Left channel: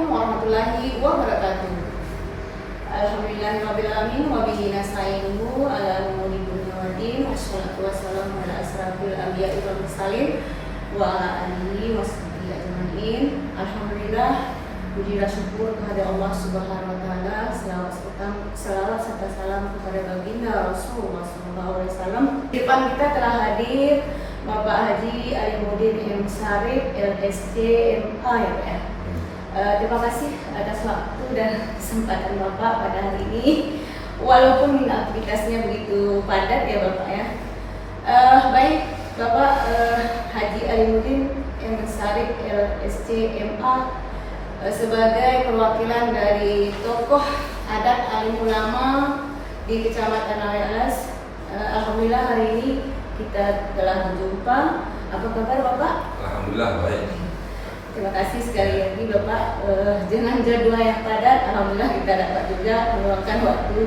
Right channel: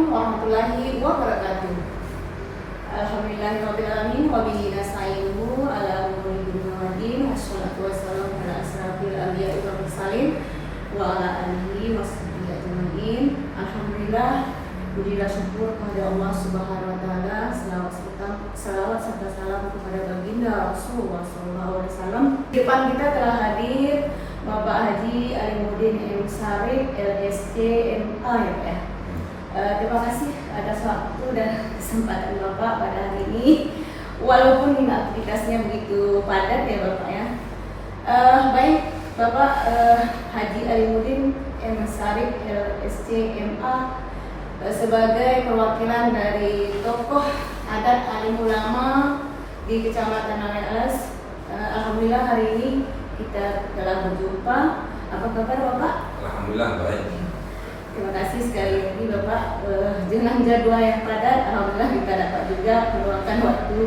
Assalamualaikum warahmatullahi wabarakatuh. Alhamdulillahirabbil alamin wa bihi nasta'inuhu ala umuri dunya waddin. Wassalatu wassalamu ala asrafil anbiya'i wal mursalin wa ala alihi washabbihi ajmain. Alhamdulillah, puji dan syukur kepada Allah Subhanahu wa taala. Selawat serta salam kepada baginda Rasulullah sallallahu alaihi wasallam. Di depan kita telah hadir Bapak Haji Alimuddin M. Syarif LSC MA ya. Terima kasih atas waktu dan kesempatan Bapak pada hari ini. Walaupun aktivitasnya begitu padat ya Bapak ya. Baik Bapak Haji Alimuddin M. Syarif LSC MA sebagai perwakilan dari tokoh adat alim ulama di Kecamatan Awelas. Alhamdulillah hari ini kita telah berjumpa. Apa kabar Bapak? Alhamdulillah baik. Terima kasih sekali lagi Bapak. Dengan jadwal yang padat, alhamdulillah kita dapat juga meluangkan waktu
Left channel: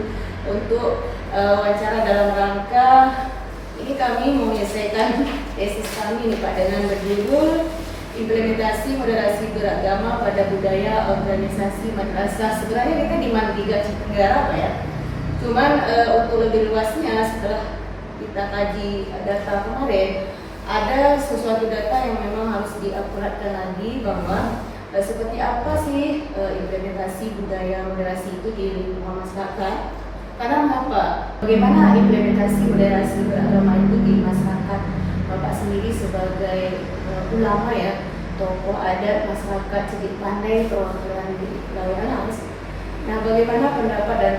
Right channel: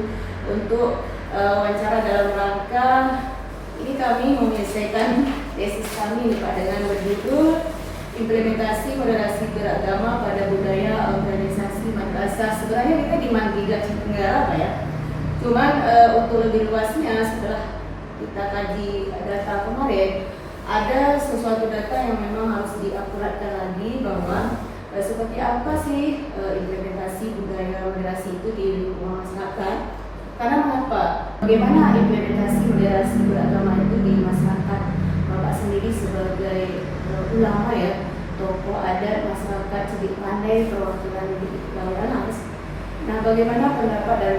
untuk wawancara dalam rangka ini kami menyelesaikan tesis kami nih Pak dengan berjudul Implementasi Moderasi Beragama pada Budaya Organisasi Madrasah. Sebenarnya kita di Mandiri Tenggara Pak ya. Cuman untuk lebih luasnya setelah kita kaji data kemarin, ada sesuatu data yang memang harus diakuratkan lagi bahwa seperti apa sih implementasi budaya moderasi itu di lingkungan masyarakat. Karena mengapa? Bagaimana implementasi moderasi beragama itu di masyarakat? Bapak sendiri sebagai ulama ya, tokoh adat masyarakat sedikit pandai perwakilan di wilayah Alas. Nah, bagaimana pendapat dan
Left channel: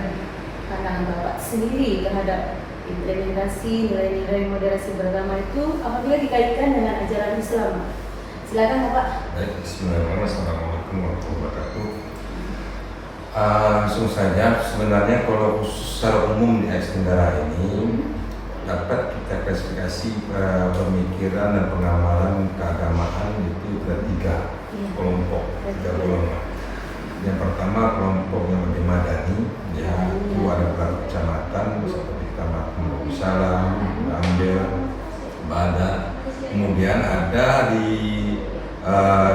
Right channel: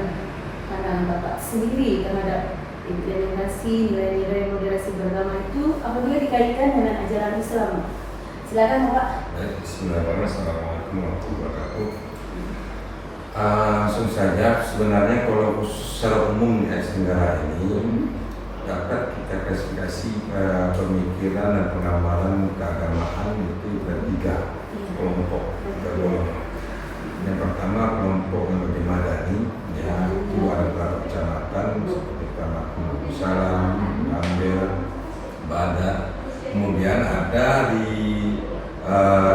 pandangan Bapak sendiri terhadap implementasi nilai-nilai moderasi beragama itu apabila dikaitkan dengan ajaran Islam? Silakan Bapak. Baik, bismillahirrahmanirrahim. Assalamualaikum warahmatullahi wabarakatuh. Langsung saja, sebenarnya kalau secara umum di Aceh Tenggara ini dapat kita klasifikasi pemikiran dan pengamalan keagamaan itu ada tiga kelompok, tiga golongan. Yang pertama kelompok yang lebih madani, yaitu ada beberapa kecamatan seperti Kecamatan Salam, Ambil, Badat. Kemudian ada di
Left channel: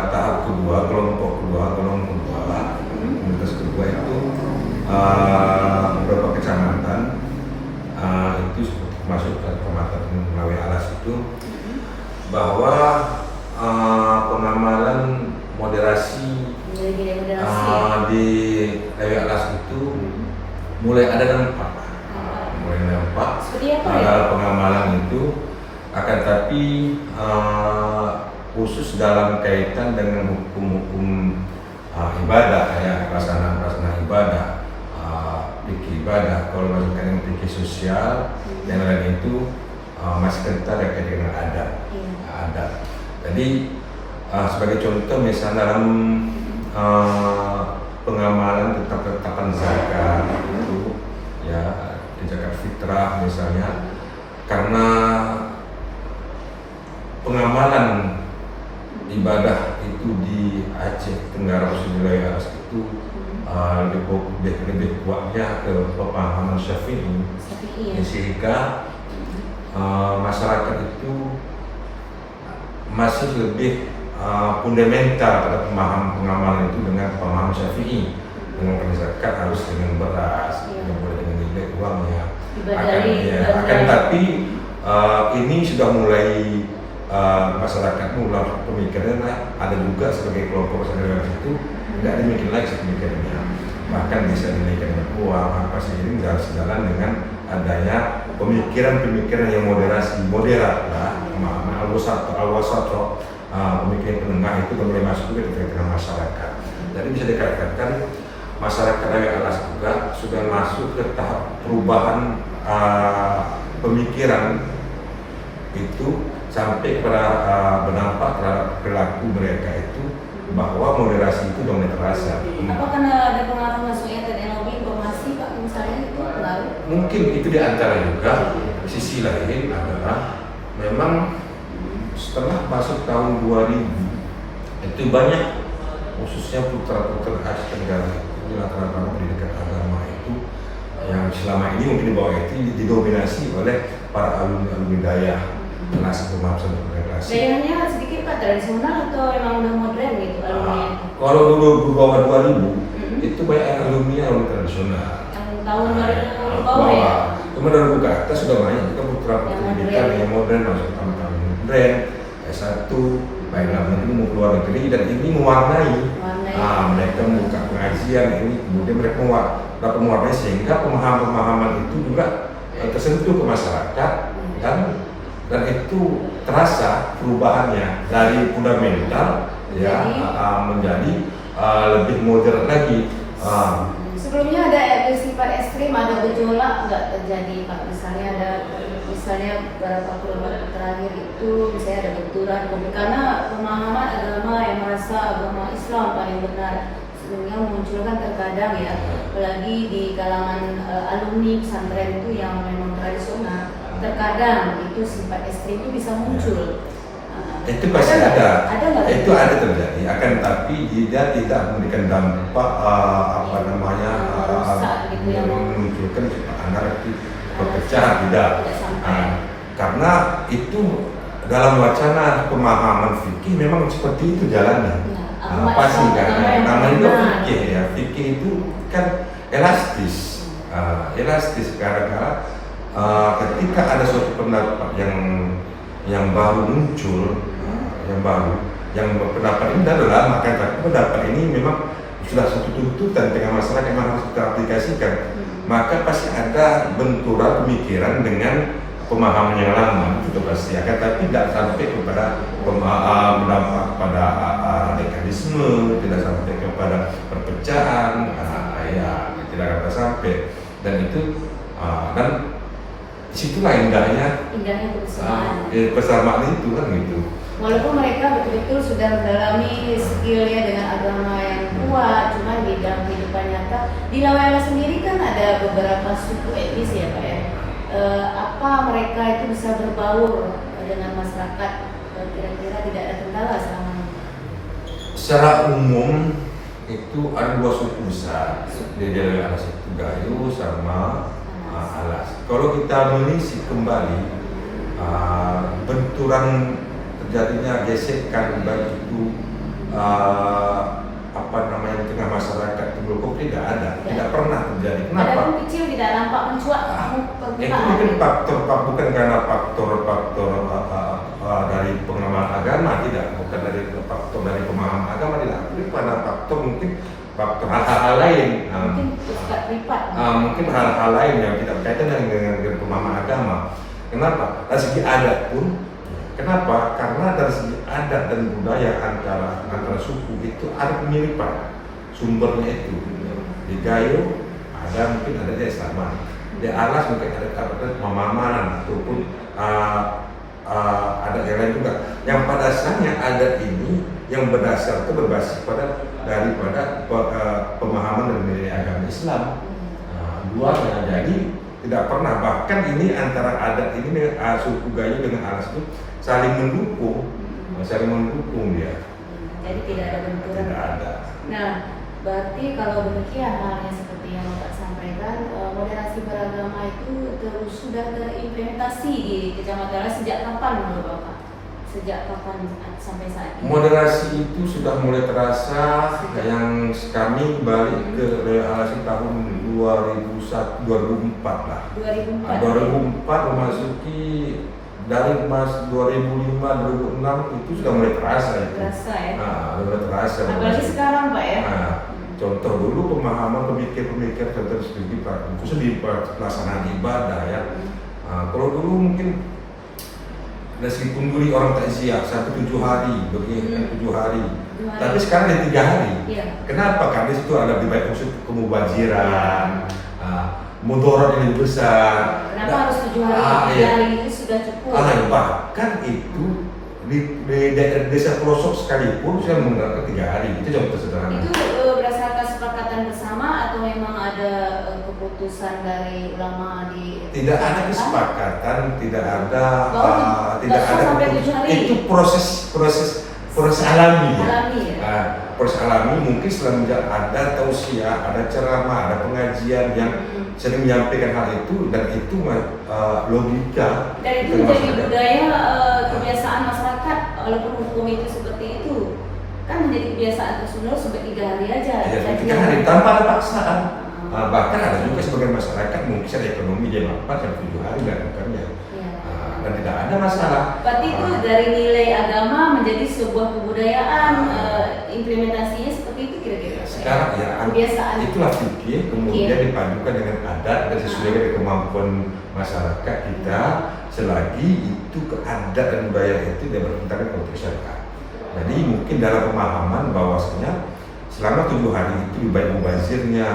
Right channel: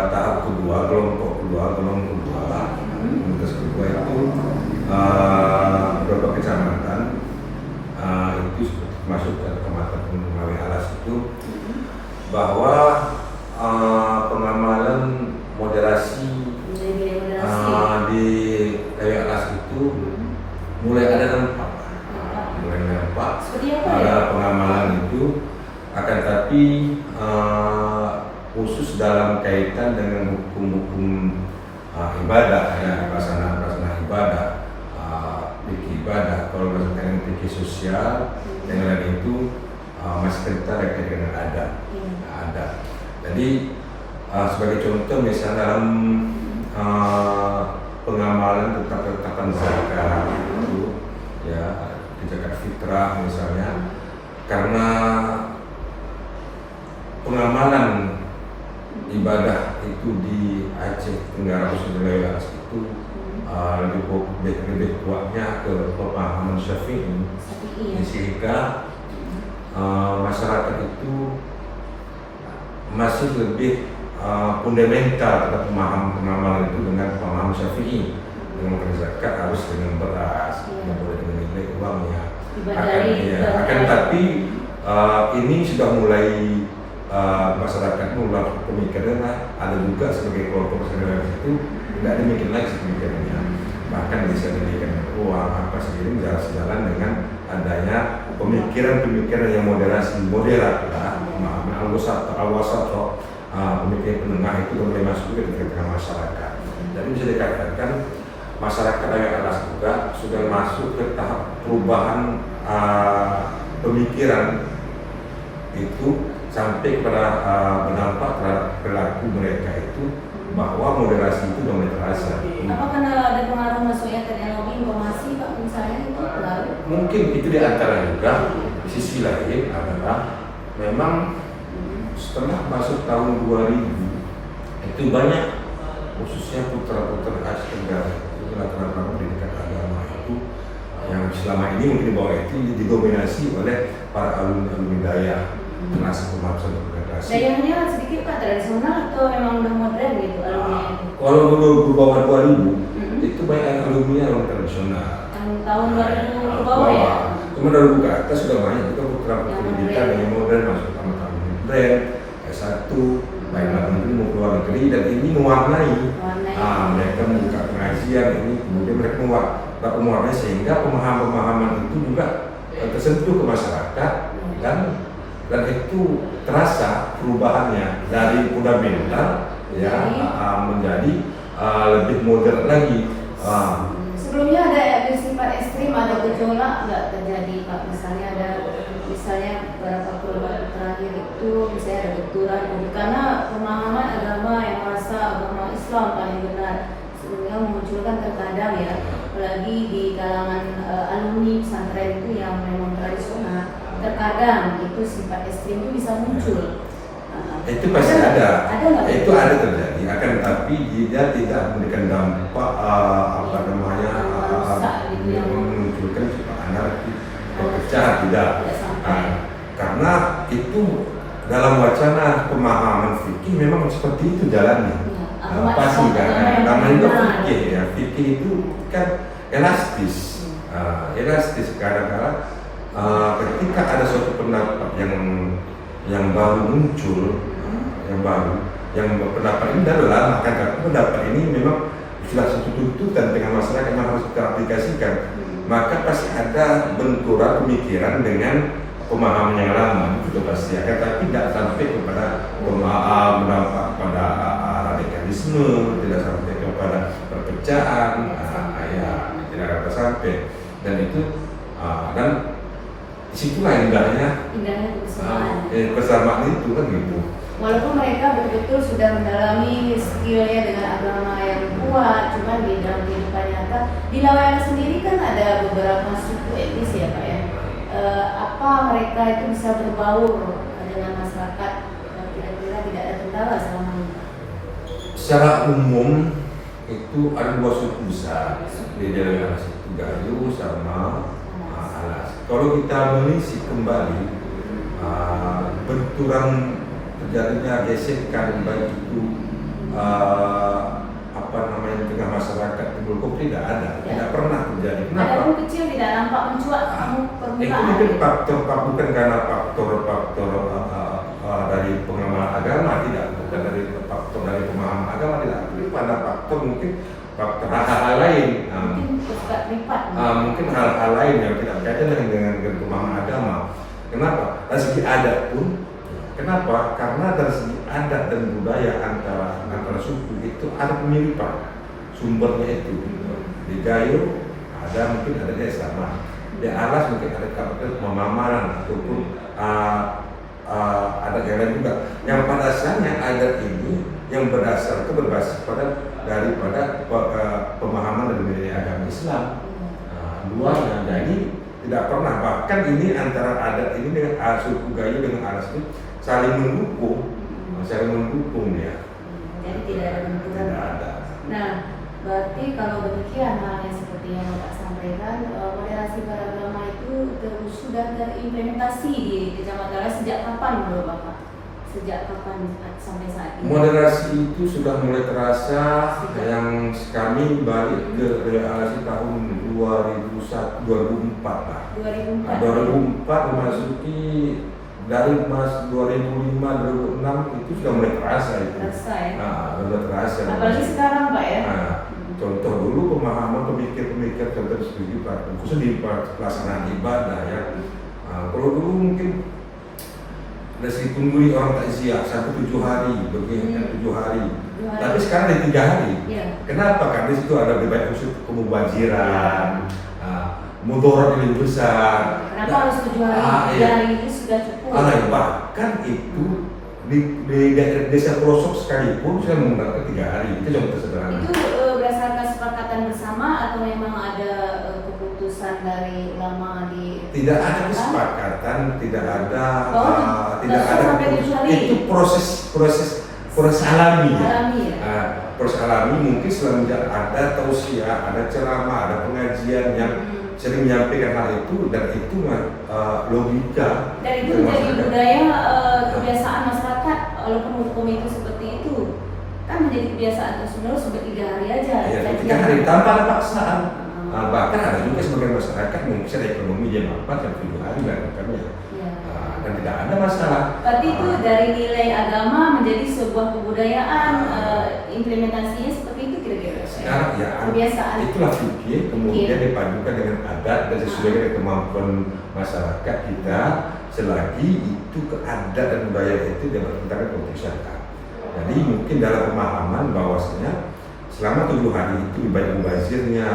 tahap kedua, kelompok kedua, komunitas kedua itu beberapa kecamatan itu masuk ke Kecamatan Melawi Alas itu bahwa pengamalan moderasi di Melawi Alas itu mulai ada dampak. Ada pengamalan itu, akan tapi khusus dalam kaitan dengan hukum-hukum ibadah ya, pelaksanaan ibadah, fikih ibadah. Kalau misalkan fikih sosial yang lain itu masih kental kaitan dengan adat. Jadi sebagai contoh misalnya dalam pengamalan tentang ketetapan zakat itu ya, zakat fitrah misalnya, karena pengamalan ibadah itu di Aceh Tenggara khususnya itu lebih kuatnya ke pemahaman Syafi'i, sehingga masyarakat itu masih lebih fundamental terhadap pengamalan itu dengan pemahaman Syafi'i. Dengan zakat harus dengan beras, tidak boleh dengan nilai uang ya. Akan tapi ini sudah mulai masyarakat mulai pemikirannya, ada juga sebagai kelompok masyarakat itu tidak demikian lagi pemikirannya, bahkan bisa dinaikkan uang apa sendiri tidak sejalan dengan adanya pemikiran yang moderasi moderat lah, pemahaman al-wasat pemikiran penengah itu mulai masuk ke tengah masyarakat. Jadi bisa dikatakan masyarakat Alas juga sudah masuk ke tahap perubahan pemikiran itu sampai kepada berdampak terhadap perilaku mereka itu, bahwa moderasi itu sudah terasa. Apa karena ada pengaruh masuknya teknologi informasi Pak misalnya itu lalu? Mungkin itu di antara juga. Sisi lain adalah memang setelah masuk tahun 2000 itu banyak khususnya putra-putra Aceh Tenggara latar-latar pendidikan agama itu yang selama ini mungkin di bawah itu didominasi oleh para alumni daya kelas pemahaman komunikasi. Dayanya sedikit Pak tradisional atau memang udah modern gitu alumni? Kalau dulu bawah 2000 itu banyak yang alumni internasional. Yang tahun 2000 ke bawah ya? Kemudian 2000 ke atas sudah banyak juga putra pendidikan yang modern masuk sama brand S1 baik dalam negeri maupun luar negeri, dan ini mewarnai. Mereka membuka pengajian ini, kemudian mereka dapat mewarnai sehingga pemahaman itu juga tersentuh ke masyarakat, dan itu terasa perubahannya dari fundamental ya menjadi lebih modern lagi. Sebelumnya ada bersifat ekstrim, ada gejolak nggak terjadi Pak? Misalnya beberapa perubahan terakhir itu misalnya ada benturan karena pemahaman agama yang merasa agama Islam paling benar, sehingga memunculkan terkadang ya, apalagi di kalangan alumni pesantren itu yang memang tradisional, terkadang itu sifat ekstrim itu bisa muncul. Itu pasti ada itu nggak? ada terjadi, akan tetapi dia tidak memberikan dampak memunculkan anarki, perpecahan, tidak. Karena itu dalam wacana pemahaman fikih memang seperti itu jalannya. Pasti kan namanya juga fikih ya, fikih itu kan elastis. Elastis karena ketika ada suatu pendapat yang baru muncul, yang pendapat ini adalah maka pendapat ini memang sudah satu tuntutan dengan masyarakat yang harus kita aplikasikan, maka pasti ada benturan pemikiran dengan pemahaman yang lama, itu pasti akan, tapi tidak sampai kepada berdampak pada radikalisme, tidak sampai kepada perpecahan, tidak akan sampai, dan itu dan disitulah indahnya kebersamaan itu kan gitu. Walaupun mereka betul-betul sudah mendalami skillnya dengan agama yang kuat, cuma di dalam kehidupan nyata di Laweyan sendiri kan ada beberapa suku etnis ya Pak ya. Apa mereka itu bisa berbaur dengan masyarakat? Kira-kira tidak ada kendala selama ini? Secara umum itu ada dua suku besar di daerah situ, Gayo sama Alas. Kalau kita menelisik kembali benturan terjadinya gesekan baik itu di tengah masyarakat itu tidak ada, tidak pernah terjadi. Kenapa? Ada pun kecil tidak nampak mencuat permukaan. Itu mungkin faktor bukan karena faktor dari pengamalan agama, tidak, bukan dari faktor dari pemahaman agama, tidak. Tapi pada faktor hal-hal lain. Mungkin hal-hal lain yang tidak kaitan dengan pemahaman agama. Kenapa? Dari segi adat pun. Kenapa? Karena dari segi adat dan budaya antara suku itu ada kemiripan sumbernya itu. Di Gayo ada mungkin ada sama, di Alas mungkin ada pemahaman ataupun adat yang lain juga. Yang pada dasarnya adat ini yang berbasis daripada pemahaman dan nilai agama Islam. Duanya jadi tidak pernah, bahkan ini antara adat ini dengan suku Gayo dengan Alas itu saling mendukung dia. Jadi tidak ada benturan. Tidak ada. Nah, berarti kalau demikian halnya seperti yang Bapak sampaikan, moderasi beragama itu sudah terimplementasi di Kecamatan sejak kapan menurut Bapak? Sejak kapan sampai saat ini? Moderasi itu sudah mulai terasa yang kami balik ke realisasi tahun 2004 lah. 2004 memasuki dari 2005 2006 itu sudah mulai terasa itu. Terasa ya. Sudah terasa. Apalagi sekarang Pak ya. Contoh dulu pemahaman pemikir-pemikir tertentu khususnya di pelaksanaan ibadah ya. Kalau dulu mungkin dari segi tunggu orang takziah sampai 7 hari, begini 7 hari. Tapi sekarang ada 3 hari. Iya. Kenapa? Karena di situ ada lebih banyak unsur kemubaziran, mudarat yang lebih besar. Kenapa harus 7 hari? 3 hari ini sudah cukup. Bahkan itu di desa pelosok sekalipun sudah menggunakan 3 hari. Itu contoh sederhana. Itu berdasarkan kesepakatan bersama atau memang ada keputusan dari ulama di? Tidak ada kesepakatan, tidak ada sampai 7 hari. Itu proses alami. Alami ya. Proses alami mungkin selanjutnya ada tausiah, ada ceramah, ada pengajian yang sering menyampaikan hal itu, dan itu logika. Dan itu menjadi budaya kebiasaan masyarakat walaupun hukum itu seperti itu. kan menjadi kebiasaan terus-menerus sampai 3 hari aja. Ya, 3 hari tanpa ada paksaan. Bahkan ada juga sebagian masyarakat mungkin secara ekonomi dia melakukan 7 hari melakukannya. Dan tidak ada masalah. Berarti itu dari nilai agama menjadi sebuah kebudayaan, implementasinya seperti itu kira-kira. Sekarang ya, kebiasaan. Itulah fikih, kemudian dipadukan dengan adat dan sesuai dengan kemampuan masyarakat kita, selagi itu keadaan dan budaya itu dia bertentangan konteks syariat. Jadi mungkin dalam pemahaman bahwasanya selama 7 hari itu baik mubazirnya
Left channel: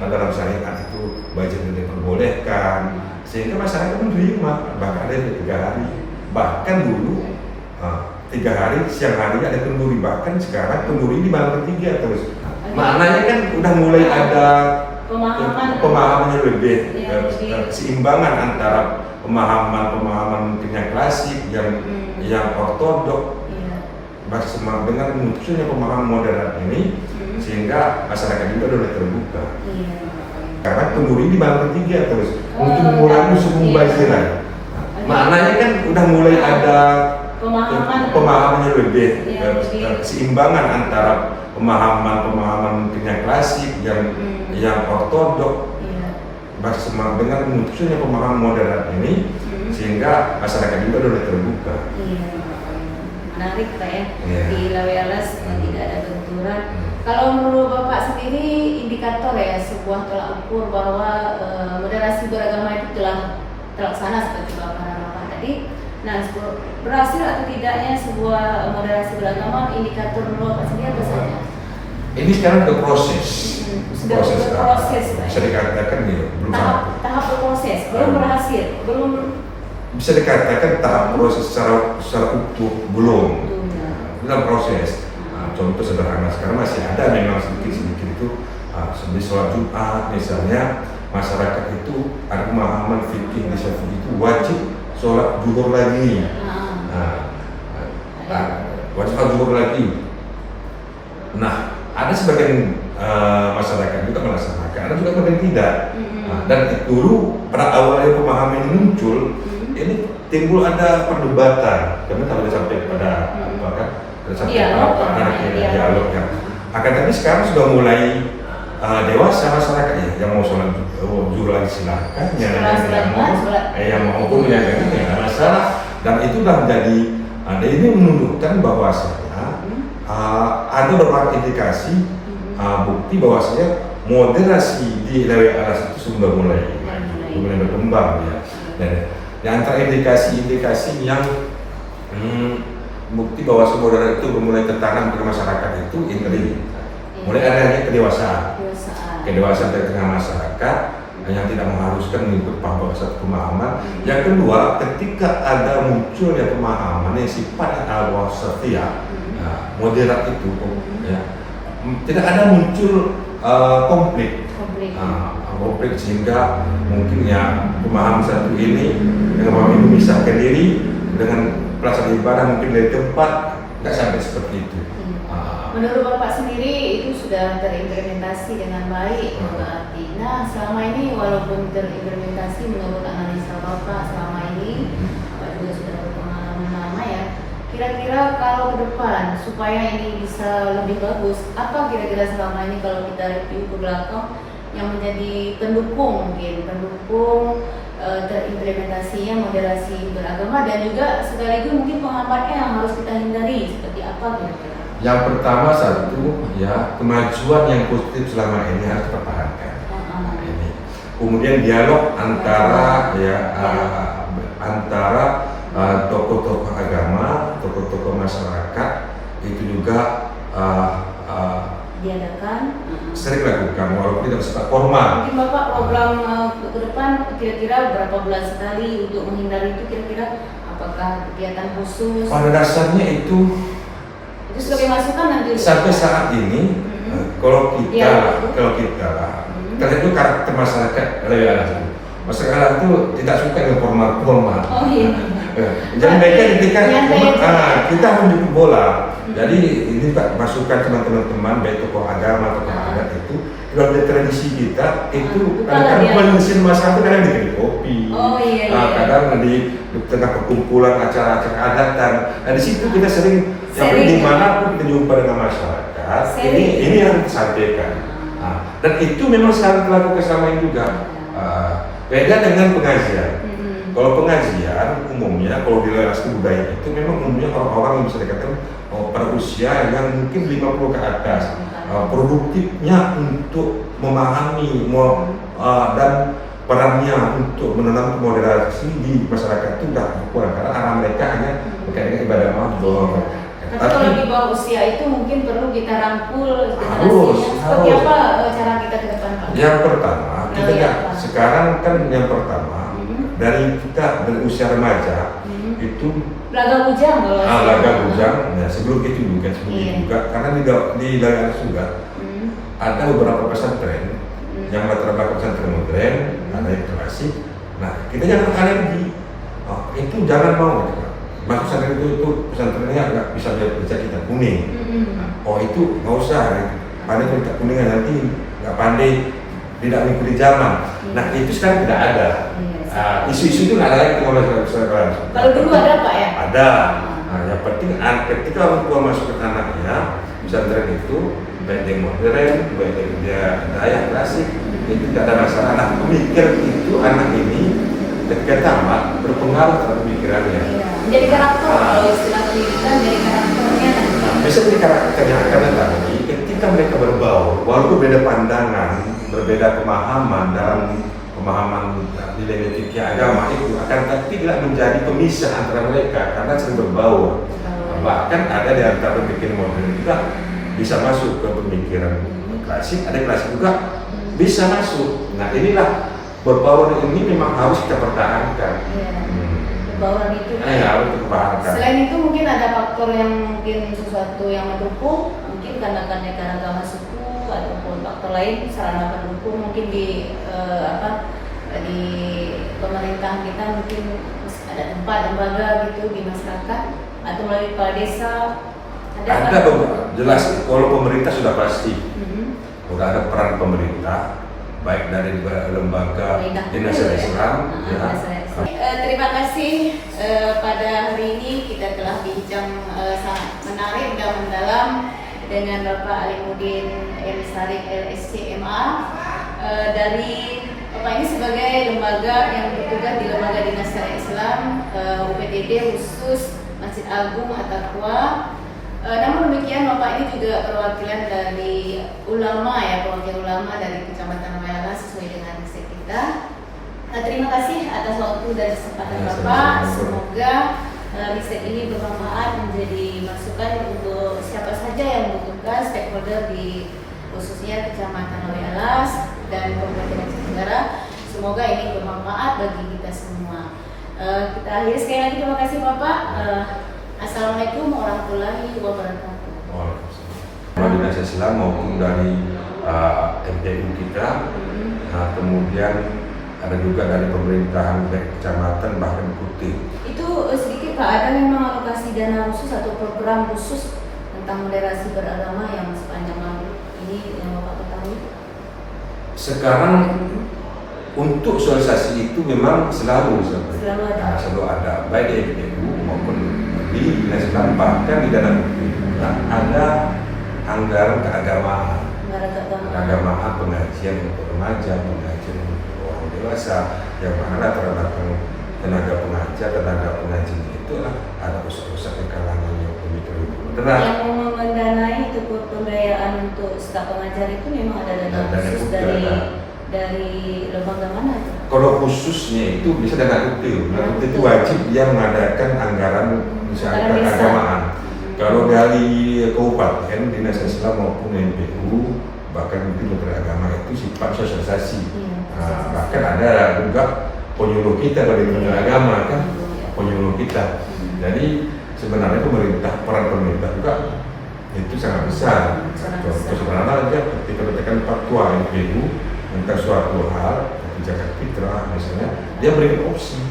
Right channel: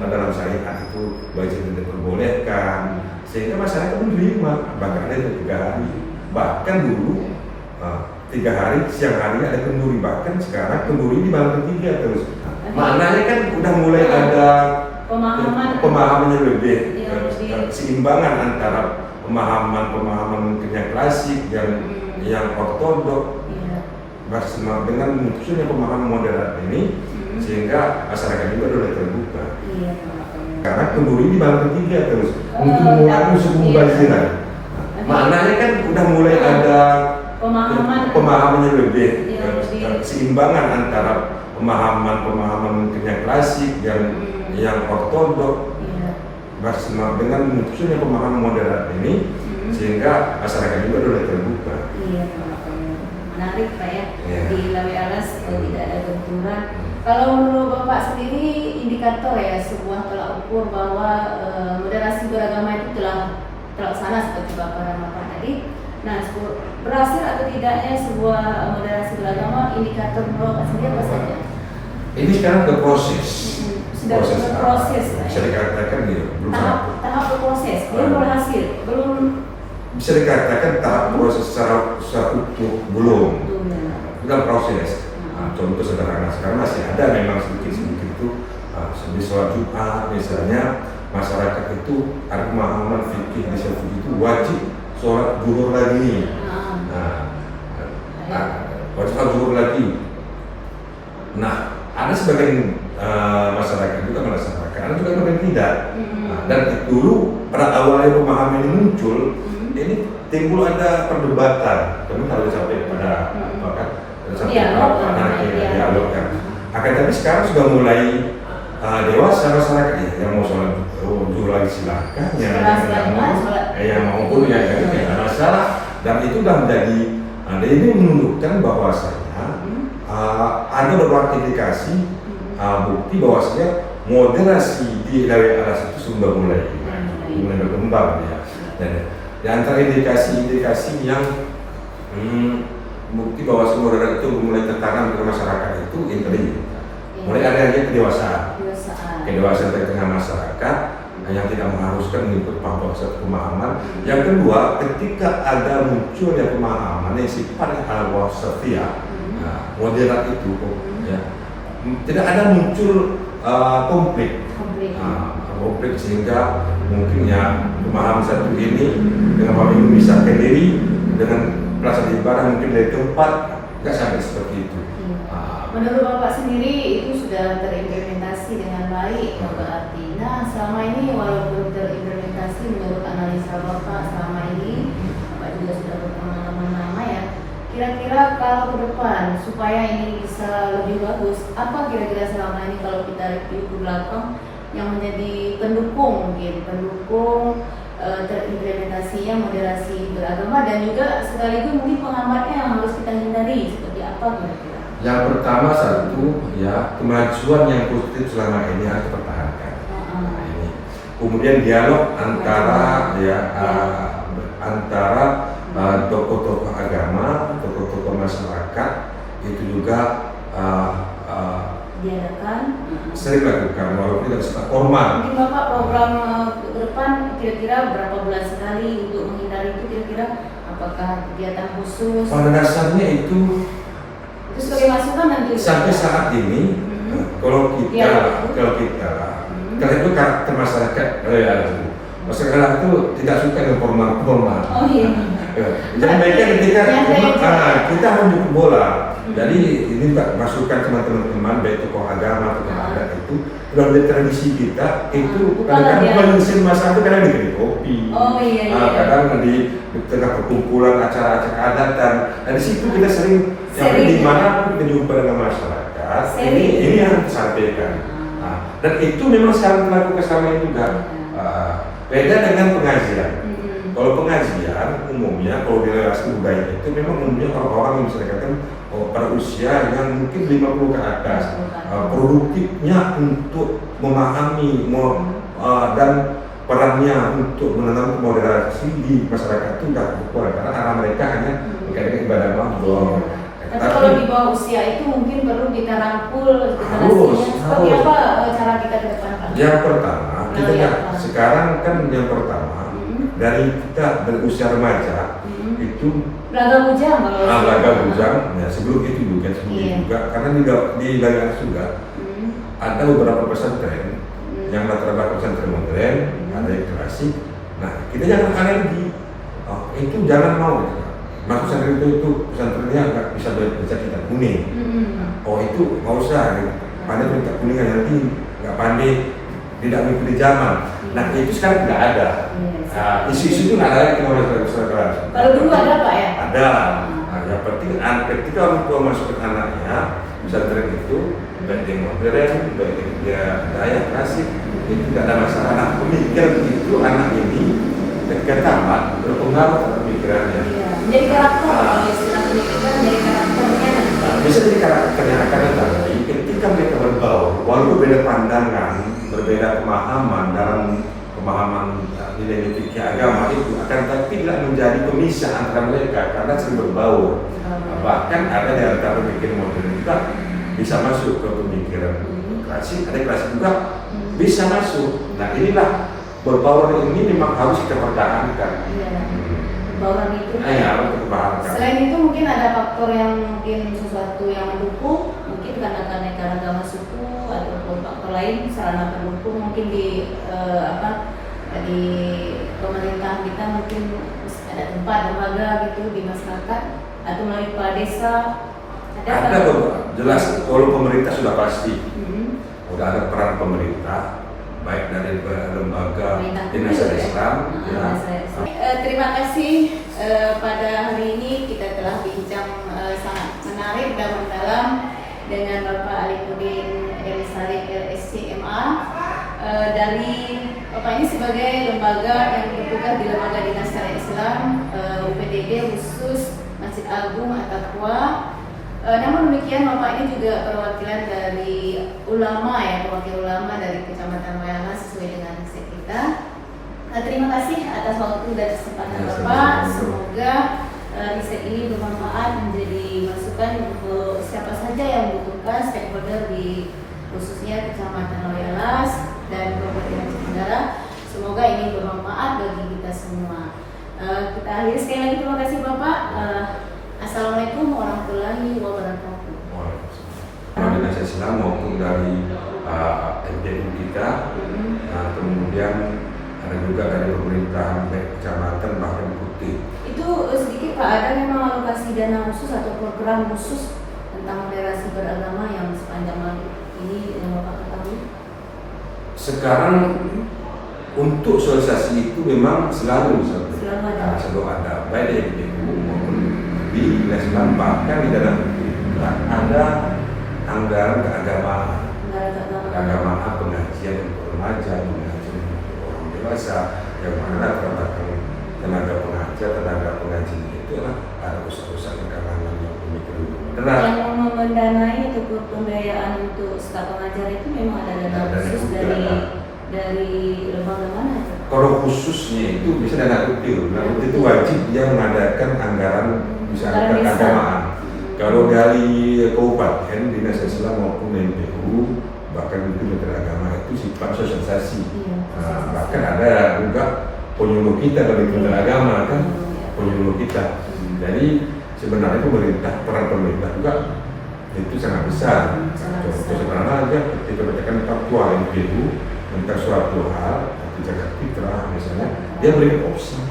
dalam syariat itu bazir tidak diperbolehkan, sehingga masyarakat menerima. Bahkan ada yang 3 hari, bahkan dulu 3 hari siang hari ada kenduri, bahkan sekarang kenduri di malam ketiga terus. Maknanya kan udah mulai ada pemahaman yang lebih keseimbangan antara pemahaman mungkin yang klasik, yang ortodok, bersama dengan munculnya pemahaman modern ini, sehingga masyarakat juga sudah terbuka. Karena kenduri di malam ketiga terus untuk mengurangi suku mubaziran. Maknanya kan udah mulai ada pemahaman yang lebih keseimbangan antara pemahaman mungkin yang klasik, yang ortodok, bersama dengan munculnya pemahaman modern ini, sehingga masyarakat juga sudah terbuka. Menarik Pak ya, di Lawe Alas tidak ada benturan. Kalau menurut Bapak sendiri, indikator ya sebuah tolak ukur bahwa moderasi beragama itu telah terlaksana seperti Bapak Ramapan tadi. Nah, berhasil atau tidaknya sebuah moderasi beragama, indikator menurut Bapak sendiri apa saja? Ini sekarang ke proses. Sudah berproses, bisa dikatakan gitu, belum tahap berproses, belum berhasil, belum. Bisa dikatakan tahap proses secara utuh belum. Dalam proses. Contoh sederhana sekarang masih ada memang sedikit itu seperti sholat Jumat misalnya, masyarakat itu ada pemahaman fikih di Syafi'i itu wajib sholat zuhur lagi. Wajib sholat zuhur lagi. Nah, ada sebagian masyarakat juga melaksanakan, ada juga yang tidak. Dan dulu pada awalnya pemahaman ini muncul, ini timbul ada perdebatan, karena harus sampai pada dialog kan. Akan tapi sekarang sudah mulai dewasa masyarakat ya, yang mau sholat zuhur lagi silakan, yang mau pun yang nggak masalah. Dan itu sudah menjadi, ini menunjukkan bahwasanya ada beberapa indikasi bukti bahwasanya moderasi di Lawe Alas itu sudah mulai berkembang ya. Dan di antara indikasi yang bukti bahwa moderasi itu mulai tertanam ke masyarakat itu ini mulai adanya kedewasaan di tengah masyarakat yang tidak mengharuskan mengikut pemahaman. Yang kedua, ketika ada munculnya pemahaman yang sifatnya al-wasatiyah, moderat itu ya, tidak ada muncul konflik sehingga mungkin ya pemahaman satu ini dengan pemahaman ini bisa berdiri dengan pelaksanaan ibadah mungkin dari tempat nggak sampai seperti itu. Menurut Bapak sendiri itu sudah terimplementasi dengan baik berarti. Nah, selama ini walaupun terimplementasi menurut analisa Bapak selama ini, Bapak juga sudah berpengalaman lama ya. Kira-kira kalau ke depan supaya ini bisa lebih bagus, apa kira-kira selama ini kalau kita review ke belakang yang menjadi pendukung terimplementasinya moderasi beragama, dan juga sekaligus mungkin penghambatnya yang harus kita hindari seperti apa kira-kira? Yang pertama satu ya, kemajuan yang positif selama ini harus dipertahankan. Ini. Kemudian dialog antara tokoh-tokoh agama, tokoh-tokoh masyarakat itu juga diadakan, sering lakukan walaupun tidak bersifat formal. Mungkin Bapak program ke depan kira-kira berapa bulan sekali untuk menghindari itu, kira-kira apakah kegiatan khusus? Pada dasarnya itu sebagai masukan nanti sampai saat ini kalau kita itu karakter masyarakat itu tidak suka dengan formal. Oh iya. Jadi mereka ketika kita menunjuk bola Jadi ini Pak, masukan teman-teman baik tokoh agama atau adat itu kalau dari tradisi kita itu kadang-kadang menyusun masyarakat kadang di kopi, kadang di tengah perkumpulan acara-acara keadatan. Nah di situ kita sering dimanapun kita jumpa dengan masyarakat, ini yang disampaikan. Dan itu memang selalu dilakukan selama ini juga. Beda dengan pengajian. Kalau pengajian umumnya, kalau di relasi budaya itu memang umumnya orang-orang yang bisa dikatakan pada usia yang mungkin 50 ke atas, produktifnya untuk memahami dan perannya untuk menanam moderasi di masyarakat itu sudah kurang karena anak mereka hanya berkaitan ibadah malam. Tapi kalau di bawah usia itu mungkin perlu kita rangkul seperti apa cara kita ke depan? Yang pertama, kita sekarang kan yang pertama dari kita dari usia remaja itu Belaga Bujang ya sebelum itu juga karena di dalam juga ada beberapa pesantren yang latar pesantren modern ada yang klasik. Nah kita jangan alergi itu jangan mau maksud pesantren itu pesantrennya nggak bisa baca kitab kuning. Itu nggak usah pandai kitab kuning nanti nggak pandai tidak mengikuti zaman. Nah itu sekarang tidak ada. Isu-isu itu nggak ada yang masyarakat. Kalau dulu ada Pak ya? Ada. Yang penting ketika orang tua masukkan anaknya pesantren itu baik dia modern, baik dia daya klasik, itu tidak ada masalah. Anak pemikir itu anak ini pertama berpengaruh pada pemikirannya. Menjadi karakter kalau istilah pendidikan menjadi karakternya. Bisa jadi karakternya tapi ketika mereka berbaur, walaupun beda pandangan, berbeda pemahaman dalam pemahaman nilai fikih agama itu akan tapi tidak menjadi pemisah antara mereka karena sering berbaur. Bahkan ada di antara pemikiran modern juga bisa masuk ke pemikiran klasik, ada klasik juga bisa masuk. Nah inilah berbaur ini memang harus kita pertahankan. Bauran itu. Harus dipertahankan. Selain itu mungkin ada faktor yang mungkin sesuatu yang mendukung, mungkin karena agama suku ataupun faktor lain sarana pendukung mungkin di di pemerintahan kita mungkin ada tempat lembaga gitu di masyarakat atau melalui kepala desa. Ada beberapa jelas kalau pemerintah sudah pasti sudah ada peran pemerintah baik dari lembaga dinas Islam. Terima kasih pada hari ini kita telah bincang sangat menarik dan mendalam dengan Bapak Alimuddin M. Sarik LSC MA dari Bapak ini sebagai lembaga yang bertugas di lembaga dinas syariah Islam UPDD khusus Masjid Agung At-Taqwa. Namun demikian Bapak ini juga perwakilan dari ulama ya, perwakilan ulama dari Kecamatan Wayala sesuai dengan riset kita. Terima kasih atas waktu dan kesempatan Bapak. Semoga riset ini bermanfaat menjadi masukan untuk siapa saja yang membutuhkan stakeholder di khususnya Kecamatan Wayala dan Kabupaten Aceh Tenggara. Semoga ini bermanfaat bagi kita semua. Kita akhiri sekali lagi terima kasih Bapak. Assalamualaikum warahmatullahi wabarakatuh. Dari Dinas Islam maupun dari MPU kita, kemudian ada juga dari pemerintahan kecamatan bahkan Putih. Itu sedikit Pak, ada yang mengalokasi dana khusus atau program khusus tentang moderasi beragama yang sepanjang tahun ini yang Bapak ketahui? Sekarang untuk sosialisasi itu memang selalu ada baik dari MPU maupun di Dinas Islam bahkan di dalam ada anggaran keagamaan, pengajian untuk remaja, pengajian untuk orang dewasa yang mana terdapat tenaga pengajar, tenaga pengaji itu ada pusat-pusat yang kalangan yang pemikiran yang mendanai itu pembiayaan untuk staf pengajar itu memang ada dana khusus dari lembaga mana itu? Kalau khususnya itu bisa dana rutin, itu wajib dia mengadakan anggaran misalkan keagamaan. Kalau dari kabupaten, dinas Islam maupun MPU, bahkan mungkin Menteri Agama itu sifat sosialisasi. Bahkan ada juga penyuluh kita dari Menteri Agama kan, penyuluh kita. Jadi sebenarnya peran pemerintah juga itu sangat besar. Sebenarnya dia ketika menetapkan fatwa MPU tentang suatu hal, zakat fitrah misalnya, dia berikan opsi.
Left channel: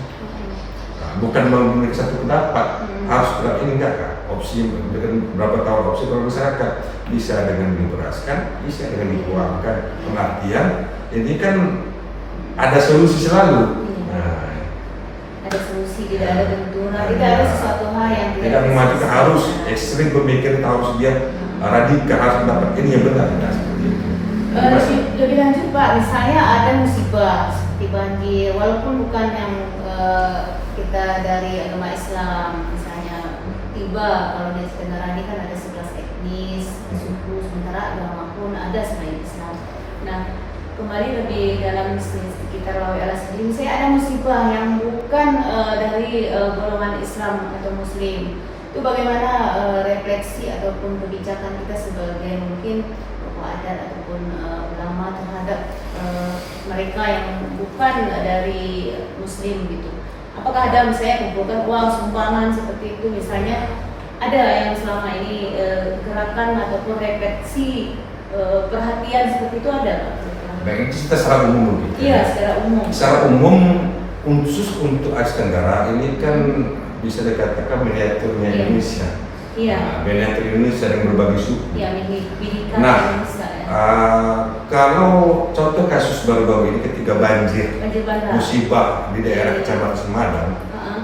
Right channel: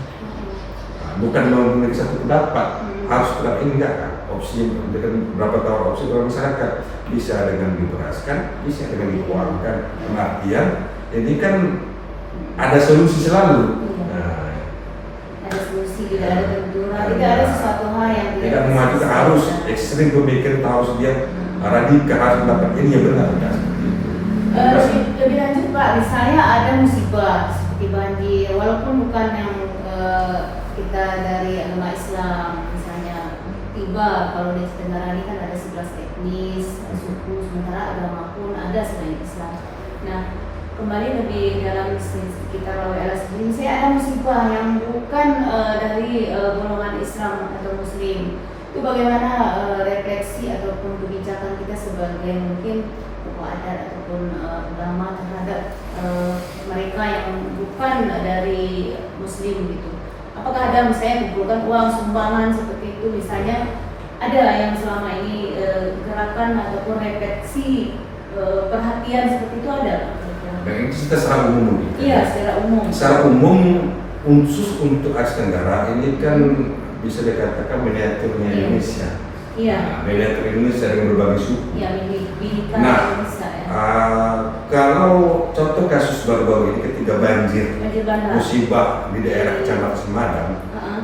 Bukan memiliki satu pendapat, harus tetap ini enggak kan? opsi dengan berapa tahun opsi kalau masyarakat bisa dengan dibebaskan, bisa dengan dikeluarkan. Pengertian ini kan ada solusi selalu. Ada solusi, tidak ada benturan, tidak ada sesuatu hal yang tidak memajukan, harus ekstrim pemikir, harus dia radikal, harus mendapat ini yang benar. Lebih lanjut Pak, misalnya ada musibah seperti banjir, walaupun bukan yang kita dari agama Islam, misalnya tiba kalau di negara ini kan ada 11 etnis, suku, sementara agama pun ada selain Islam. Nah, kembali lebih dalam sekitar Lawi Alas sendiri, saya ada musibah yang bukan dari golongan Islam atau Muslim. Itu bagaimana refleksi ataupun kebijakan kita sebagai mungkin tokoh adat ataupun ulama terhadap mereka yang bukan dari Muslim gitu. Apakah ada misalnya kumpulkan uang sumbangan seperti itu, misalnya ada yang selama ini gerakan ataupun refleksi perhatian seperti itu ada? Baik, kita secara umum. Iya, secara umum. Secara umum khusus untuk Asia Tenggara ini kan bisa dikatakan miniaturnya Indonesia. Iya. Nah, miniatur Indonesia yang berbagai suku. Iya, Bhinneka Indonesia. Kalau contoh kasus baru-baru ini ketika banjir musibah di daerah Kecamatan Semadang,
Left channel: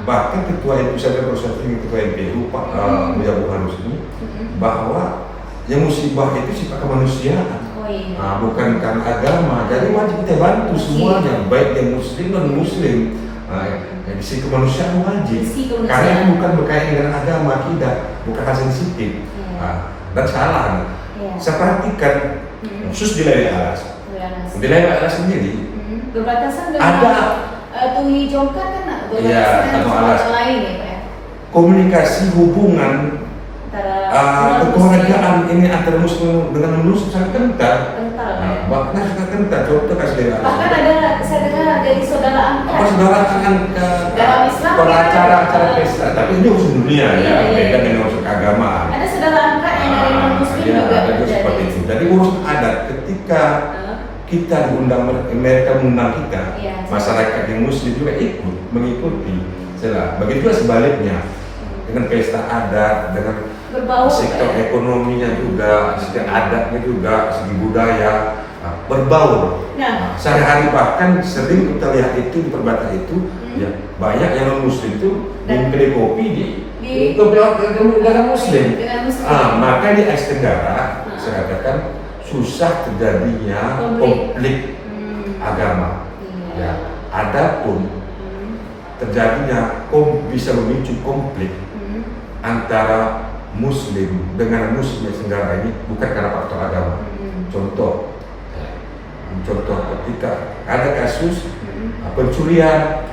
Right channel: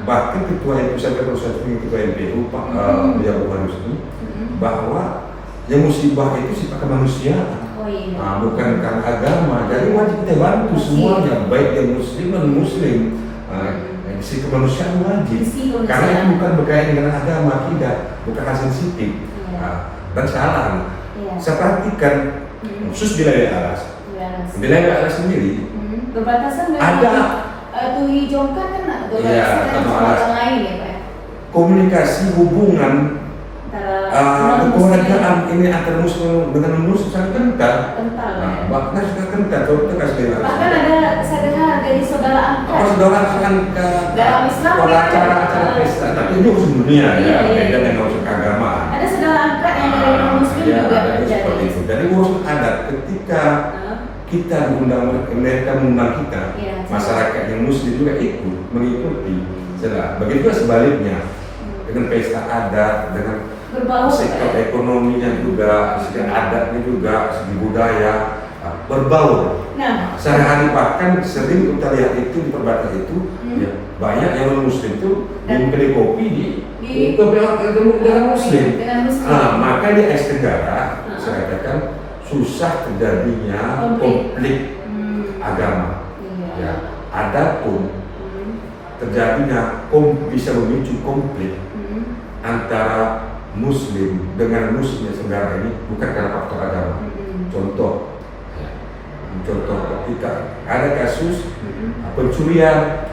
bahkan ketua itu sampai berusaha dengan ketua MPU Pak Buya Rusdi bahwa yang musibah itu sifat kemanusiaan. Bukan karena agama, jadi wajib kita bantu semuanya, baik yang Muslim dan Muslim. Sisi kemanusiaan wajib, karena itu bukan berkaitan dengan agama, tidak, bukan hal sensitif dan salah. Saya perhatikan khusus di Lawi Alas, di Lawi Alas sendiri berbatasan dengan ada Tuhi Jongkan kan, berbatasan dengan kota lain ya Pak. Komunikasi hubungan kekeluargaan ini antara Muslim dengan Muslim sangat kental. Bahkan sangat kental. Contoh kasih bahkan ada saya dengar dari saudara angkat. Saudara angkat dalam Islam acara pesta, tapi ini urusan dunia ya, beda dengan urusan keagamaan. Ada saudara angkat yang dari Muslim juga seperti itu. Jadi urusan adat ketika kita diundang, mereka mengundang kita, masyarakat yang Muslim juga ikut mengikuti. Begitu sebaliknya dengan pesta adat, dengan sektor ekonominya juga, sektor adatnya juga, segi budaya berbaur. Sehari-hari bahkan sering kita lihat itu di perbatasan itu, ya banyak yang non Muslim itu minum kedai kopi di negara Muslim. Maka di Asia Tenggara saya katakan susah terjadinya konflik agama. Ya, adapun terjadinya bisa memicu konflik antara Muslim dengan Muslim yang Tenggara ini bukan karena faktor agama. Contoh ketika ada kasus pencurian,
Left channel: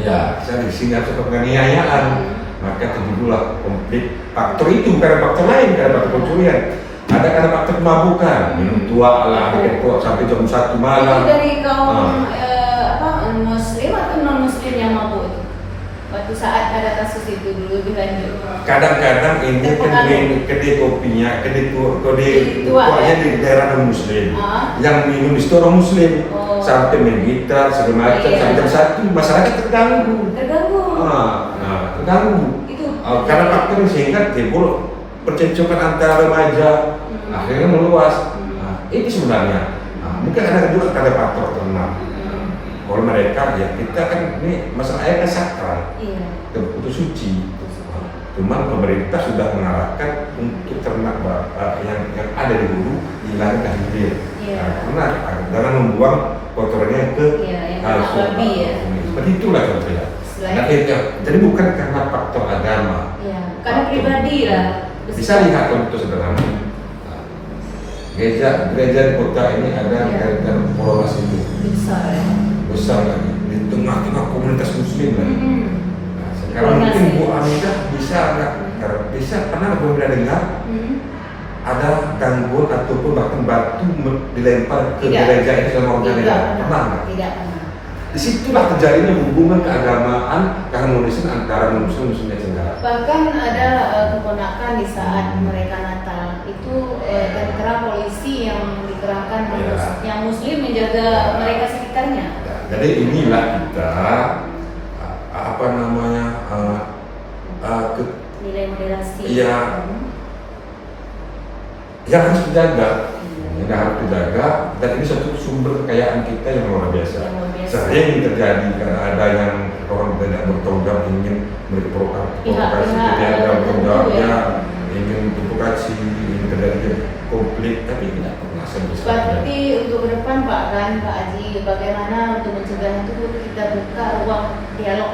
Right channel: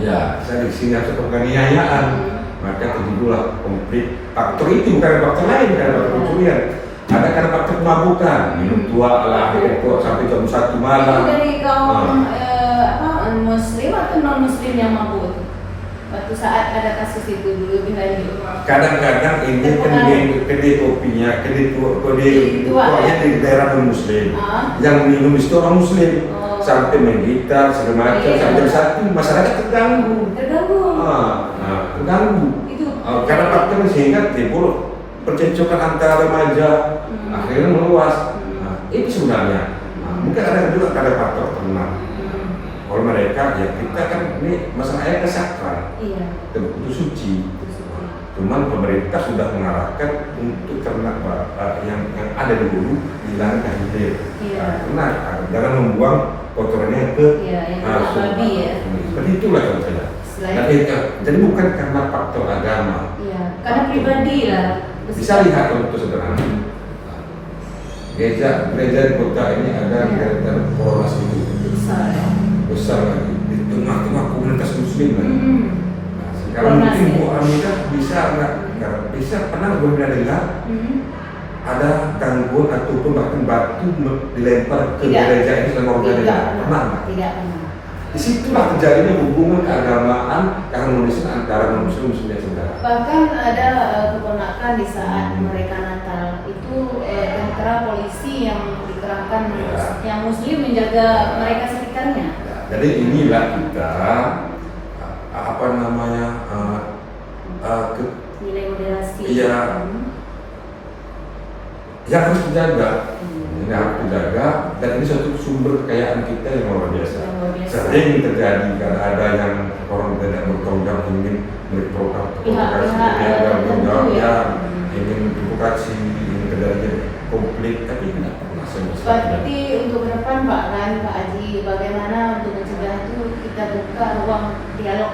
ya saya di sini atau penganiayaan, maka terjadilah konflik. Faktor itu bukan faktor lain, karena faktor pencurian. Ada karena faktor kemabukan, minum tua ala tua sampai jam 1 malam. Itu dari kaum Muslim atau non Muslim yang mabuk itu? Waktu saat ada kasus itu dulu lebih lanjut. Kadang-kadang ini kedai kopinya, kedai tuanya di daerah non Muslim, yang minum itu orang Muslim, sampai menggitar segala macam, sampai satu masyarakat terganggu. Terganggu. Karena faktor sehingga timbul percekcokan antara remaja, akhirnya meluas. Itu sebenarnya. Mungkin ada juga faktor tertentu. Kalau mereka ya kita kan ini masalahnya kesakral, itu suci. Cuman pemerintah sudah mengarahkan untuk ternak yang ada di hulu dilarang ke hilir, karena dengan membuang kotorannya ke babi ya. Seperti itulah contohnya. Jadi bukan karena faktor agama, karena pribadi lah. Bisa lihat contoh sederhana. Gereja di kota ini ada gereja Polres itu besar lagi di tengah-tengah komunitas Muslim kan. Sekarang mungkin Bu Hamidah bisa pernah dengar ada gangguan ataupun bahkan batu dilempar ke gereja ini selama gereja? Pernah nggak? Tidak pernah. Disitulah terjadinya hubungan keagamaan, keharmonisan antara Muslim dan Tenggara. Bahkan ada keponakan di saat mereka Natal itu tentara polisi yang dikerahkan yang Muslim menjaga mereka sekitarnya. Jadi inilah kita moderasi. Iya. Yang harus dijaga, ini harus dijaga, dan ini satu sumber kekayaan kita yang luar biasa. Sering terjadi karena ada yang orang tidak bertanggung jawab ingin berprovokasi, tidak bertanggung jawab, ingin provokasi, ingin terjadi konflik, tapi tidak pernah selesai. Berarti untuk ke depan Pak Haji, bagaimana untuk mencegah itu kita buka ruang dialog.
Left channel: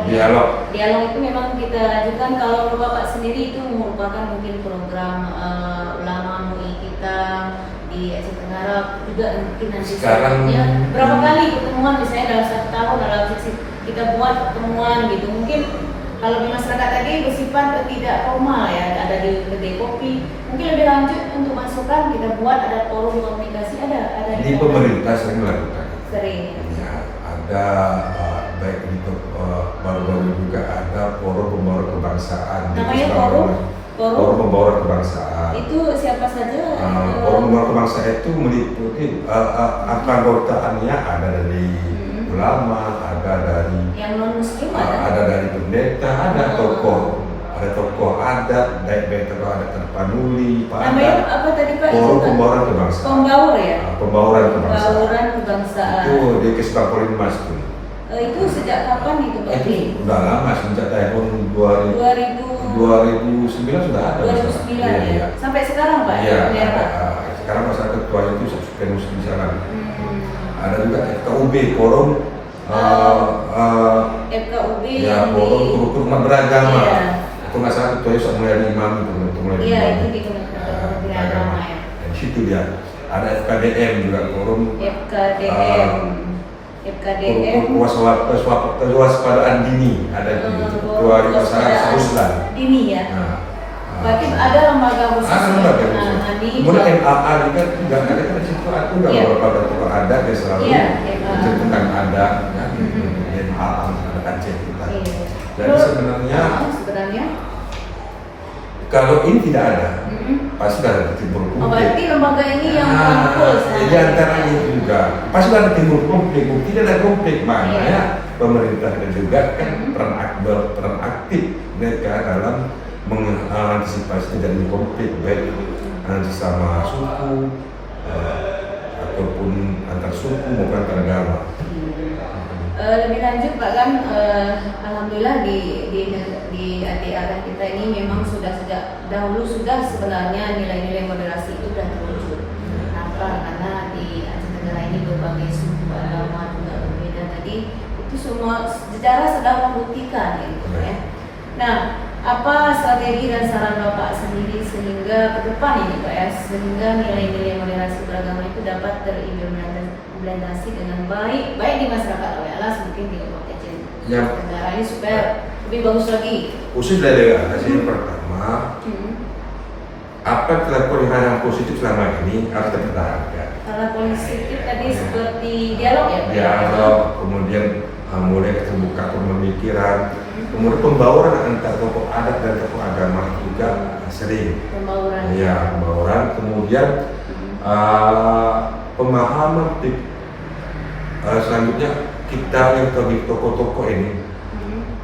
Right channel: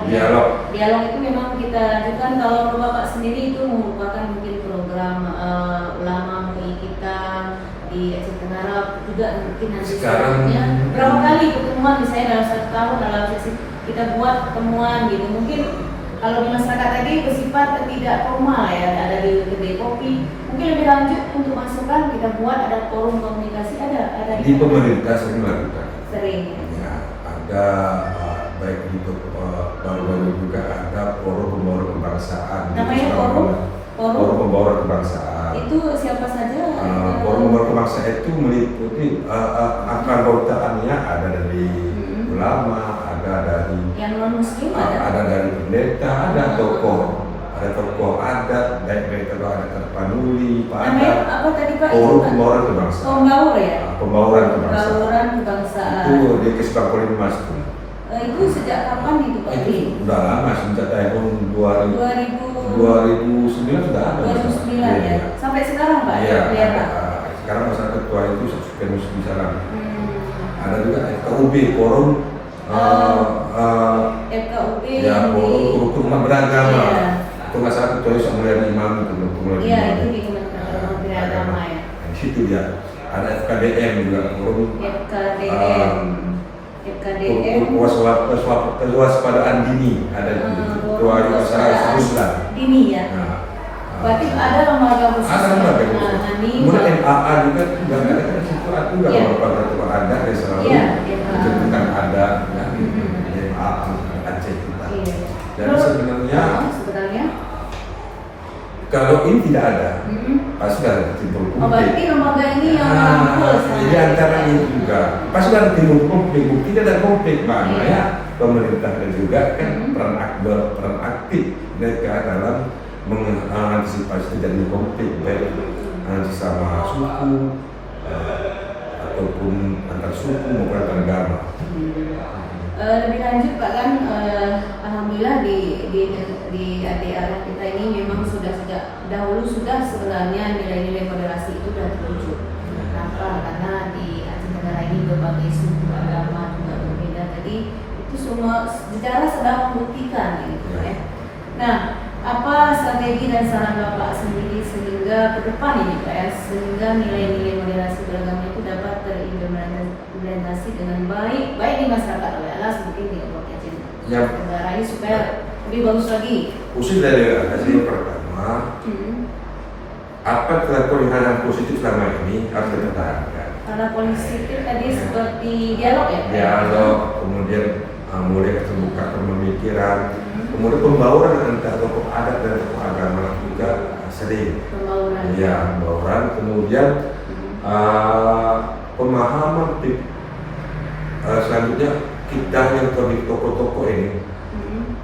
Dialog itu memang kita ajukan. Kalau Bapak sendiri itu merupakan mungkin program ulama MUI kita di Aceh Tenggara juga mungkin nanti sekarang berapa kali pertemuan misalnya dalam 1 tahun dalam sesi kita buat pertemuan gitu. Mungkin kalau di masyarakat tadi bersifat tidak formal ya, ada di kedai kopi. Mungkin lebih lanjut untuk masukan kita buat ada forum komunikasi, ada di pemerintah sering melakukan. Sering. Ya, ada baik itu baru-baru juga ada forum pembauran kebangsaan. Namanya forum pembauran kebangsaan. Itu siapa saja? Forum pembauran kebangsaan itu meliputi anggotanya ada dari ulama, ada dari yang non muslim, ada dari pendeta, ada tokoh adat, baik tokoh adat Tapanuli, namanya apa tadi Pak? Forum pembauran kebangsaan. Pembaur ya? Pembauran kebangsaan. Itu di Kesbangpol Mas tuh. Itu sejak kapan itu Pak? Itu udah lama, sejak tahun 2009 sudah ada. 2009 ya. Sampai sekarang Pak? Iya. Kelihatan. Sekarang masyarakat tua itu suka di sana. Ada juga FKUB, forum FKUB ya, yang forum kerukunan beragama. Iya. Itu masyarakat tua itu mulai imam itu mulai. Iya, itu di Kementerian Agama ya. Di situ dia. Ada FKDM juga, forum FKDM kewaspadaan dini, ada ketua usaha dini ya. Berarti ada lembaga khusus. Kemudian MAA juga ada di situ, itu juga beberapa ketua adat yang selalu menceritakan adat dan MAA Aceh kita. Jadi sebenarnya kalau ini tidak ada, pasti ada timbul konflik. Berarti lembaga ini yang merangkul. Jadi antara ini juga pasti ada timbul konflik. Tidak ada konflik, makanya pemerintah dan juga kan peran aktif mereka dalam mengantisipasi terjadinya konflik baik sesama suku ataupun antar suku maupun antar agama. Lebih lanjut Pak kan, alhamdulillah di ADA kita ini memang sejak dahulu sudah sebenarnya nilai-nilai moderasi itu sudah terwujud. Kenapa? Karena di Aceh Tenggara ini berbagai suku agama juga berbeda. Jadi itu semua sejarah sedang membuktikan gitu ya. Nah, apa strategi dan saran Bapak sendiri sehingga ke depan ini Pak ya, sehingga nilai-nilai moderasi beragama itu dapat terimplementasi dengan baik di masyarakat Alas mungkin di Kabupaten Aceh Tenggara ini supaya lebih bagus lagi. Khusus dari yang pertama, apa kelakuan yang positif selama ini harus dipertahankan. Kalau positif tadi seperti dialog ya Pak? Dialog, kemudian mulai terbuka pemikiran, kemudian pembauran antara tokoh adat dan tokoh agama juga sering. Pembauran. Ya, pembauran. Kemudian pemahaman selanjutnya kita yang terlibat tokoh-tokoh ini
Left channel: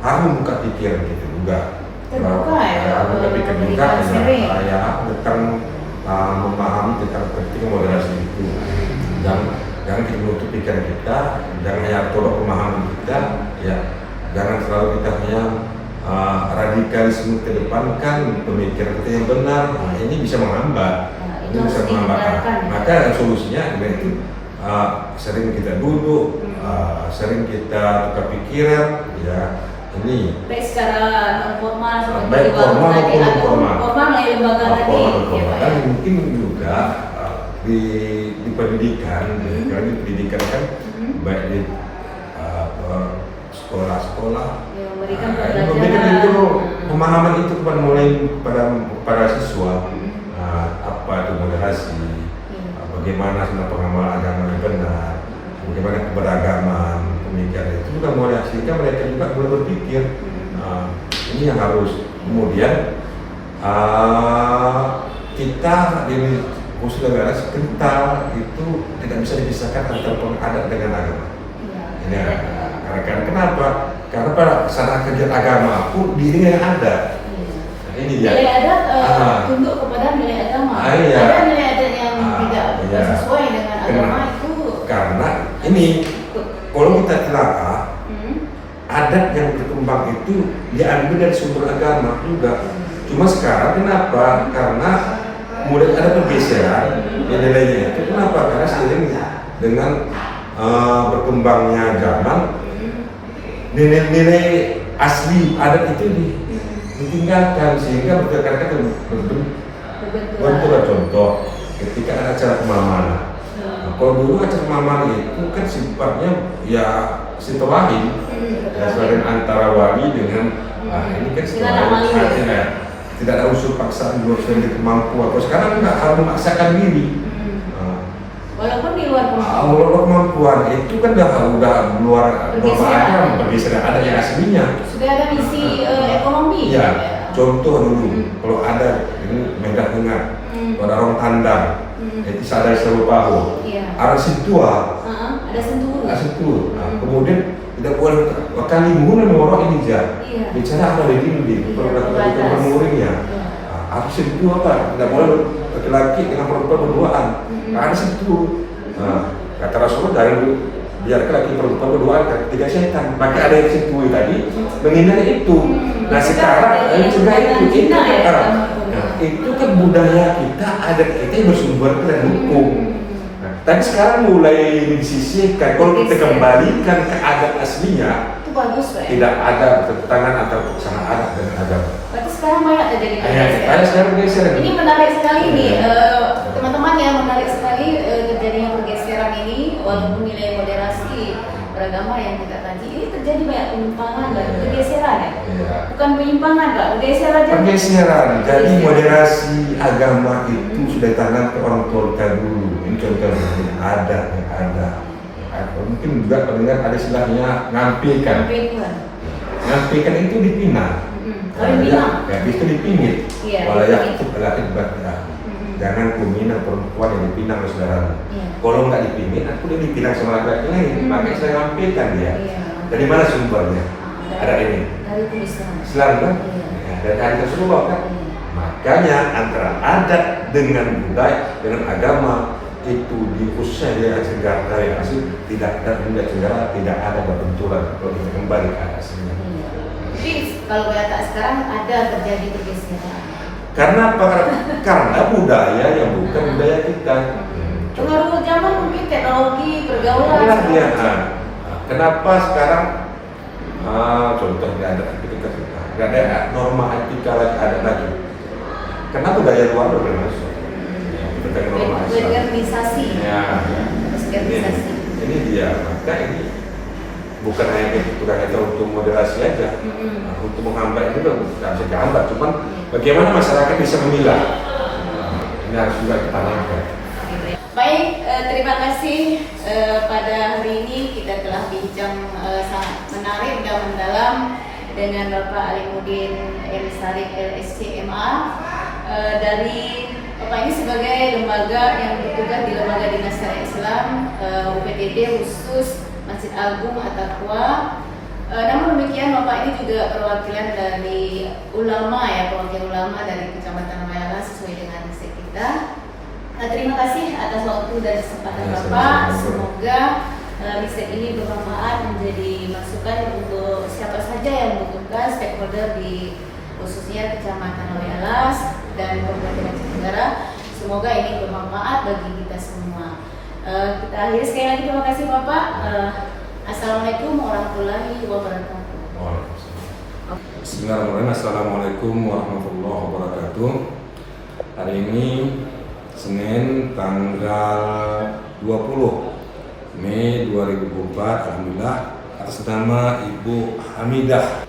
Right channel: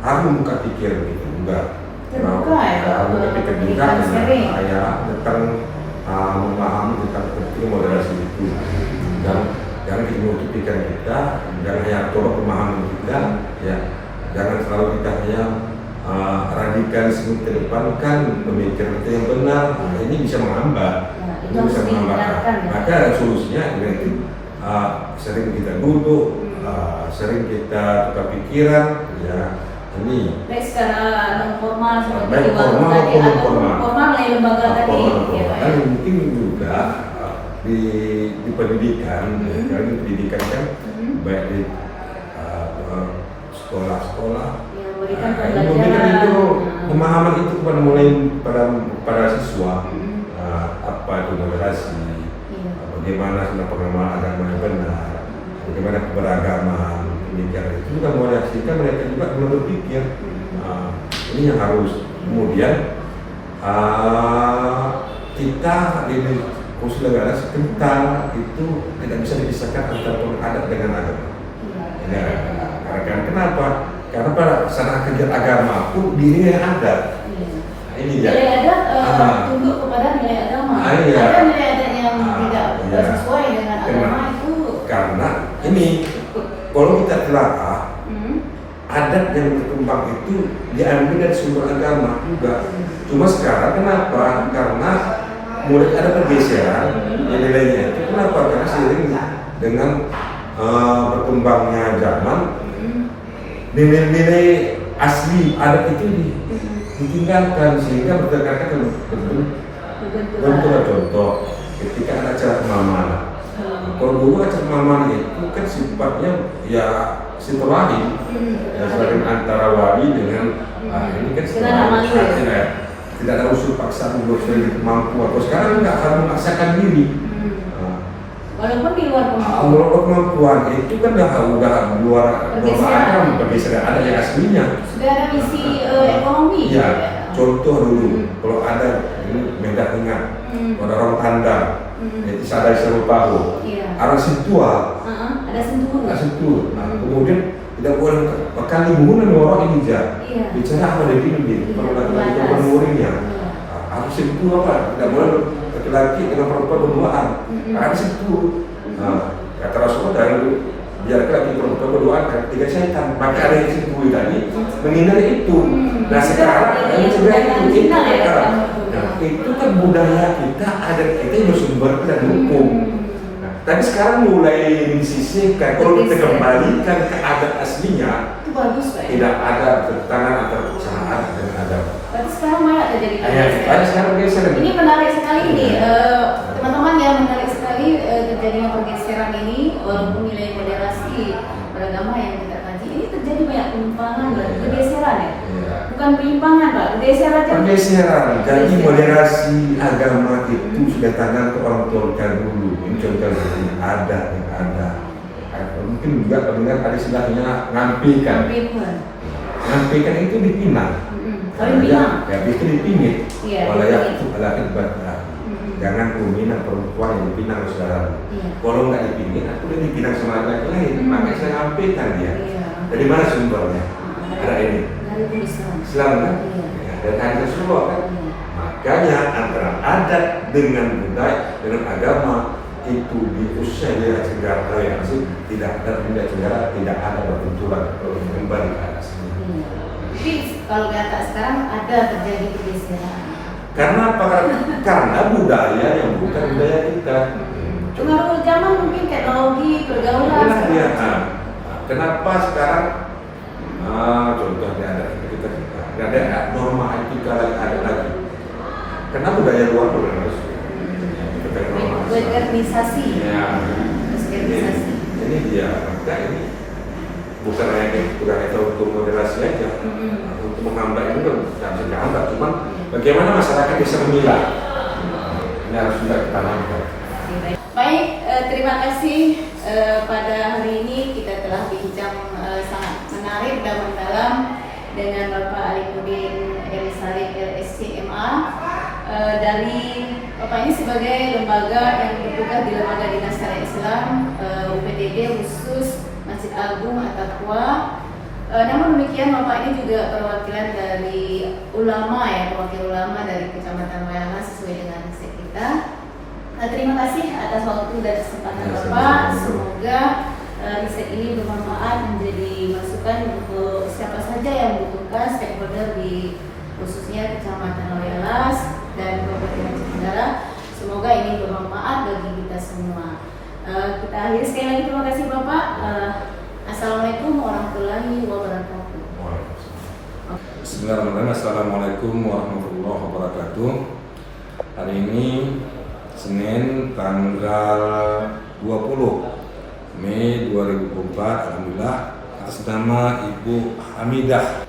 harus membuka pikiran kita juga. Terbuka ya. Harus membuka pikiran juga ya tentang memahami tentang penting moderasi itu. Jangan menutup pikiran kita, jangan hanya coba pemahaman kita, ya jangan selalu kita hanya radikalisme ke depan kan pemikiran kita yang benar. Nah, ini bisa menghambat, itu bisa menghambat. Maka solusinya itu sering kita duduk, sering kita tukar pikiran, ya ini. Baik secara non formal seperti baik formal maupun informal. Formal melalui lembaga tadi, ya Pak. Dan mungkin juga di pendidikan, kalau di pendidikan kan baik di sekolah-sekolah, memberikan pembelajaran itu pemahaman itu mulai pada siswa apa itu moderasi, bagaimana sebenarnya pengamalan agama yang benar, bagaimana keberagaman pemikiran itu juga mulai hasilkan mereka juga mulai berpikir ini yang harus kemudian kita di khusus negara kental itu tidak bisa dipisahkan antara adat dengan agama. Ya, karena kenapa? Karena pada saat kerja agama pun dirinya yang ada. ini dia. Nilai adat tunduk kepada nilai agama. Iya. Ada nilai adat yang tidak iya. sesuai dengan agama itu. Karena ini kalau kita telaah, adat yang berkembang itu diambil dari sumber agama juga. Cuma sekarang kenapa? Karena mulai ada pergeseran nilainya itu. Kenapa? Karena seiring dengan berkembangnya zaman, nilai-nilai asli adat itu ditinggalkan sehingga berdasarkan bentuk contoh ketika ada acara kemana-mana. Kalau dulu acara kemana-mana itu kan sifatnya ya silaturahim, saling antara wali dengan ini kan tidak ada unsur paksaan buat sendiri kemampuan. Kalau sekarang nggak harus memaksakan diri. Walaupun di luar kemampuan. Luar kemampuan itu kan udah luar agama, pergeseran ada yang aslinya. Sudah ada misi ekonomi. Ya, contoh dulu kalau ada ini megah tengah, ada orang tandang, itu sadar serupahu. Arah sentuh, ada sentuh. Kemudian tidak boleh bahkan ibu orang ini bicara apa ini perlu muridnya. Harus sentuh apa? Tidak boleh laki-laki dengan perempuan berduaan. Karena sentuh. Kata Rasulullah dari biarkan laki perempuan berduaan tidak setan. Maka ada yang sentuh tadi menghindari itu. Nah sekarang mencegah itu sekarang. Itu kan budaya kita, adat kita yang bersumber dari hukum. Tapi sekarang mulai disisihkan. Kalau kita kembalikan ke adat aslinya, itu bagus, Pak. Tidak ada pertentangan antara pasangan adat dengan agama. Berarti sekarang banyak terjadi pergeseran. Ini menarik sekali ini, teman-teman ya, menarik sekali terjadinya pergeseran ini. Walaupun nilai moderasi beragama yang kita kaji ini terjadi banyak penyimpangan dan pergeseran ya. Bukan penyimpangan, Pak, pergeseran. Jadi moderasi agama itu sudah tangan ke orang tua kita dulu. Ini contohnya ada. Mungkin juga mendengar ada istilahnya ngampikan. Ngampikan itu dipinang. Itu dipinit. Walayak itu laki badan. Jangan kumina perempuan yang dipinang saudara. Kalau nggak dipinit, aku udah dipinang sama laki-laki lain. Maka istilah ngampikan dia. Dari mana sumbernya? Ada ini. Dari Islam kan? Dari hadis Rasulullah kan? Makanya antara adat dengan budaya dengan agama itu di khususnya di negara yang asli tidak ada benda negara, tidak ada benturan kalau kita kembali ke aslinya. Jadi kalau kata sekarang ada terjadi pergeseran. Karena apa? Karena budaya yang bukan budaya kita. Pengaruh zaman mungkin teknologi, pergaulan. Kenapa sekarang contoh di adat kita tidak ada norma etika lagi ada lagi. Karena budaya luar sudah masuk. Organisasi. Ini dia. Maka ini bukan hanya budaya kita untuk moderasi aja, untuk menghambat ini nggak bisa dihambat. Cuman bagaimana masyarakat bisa memilah. Ini harus juga kita tanamkan. Baik, terima kasih pada hari ini kita telah bincang sangat menarik dan mendalam dengan Bapak Alimuddin M. Sarif LSC MA. Dari Bapak ini sebagai lembaga yang bertugas di Lembaga Dinas Syariah Islam UPTD khusus Masjid Agung At-Taqwa. Namun demikian Bapak ini juga perwakilan dari ulama ya, perwakilan ulama dari Kecamatan Loyala sesuai dengan riset kita. Terima kasih atas waktu dan kesempatan Bapak. Semoga riset ini bermanfaat menjadi masukan untuk siapa saja yang membutuhkan stakeholder di khususnya Kecamatan Loyalas dan Kabupaten Aceh Tenggara. Semoga ini bermanfaat bagi kita semua. Kita akhiri sekali lagi, terima kasih Bapak. Assalamualaikum warahmatullahi wabarakatuh. Bismillahirrahmanirrahim. Assalamualaikum warahmatullahi wabarakatuh. Hari ini Senin tanggal 20 Mei 2024. Alhamdulillah atas nama Ibu Hamidah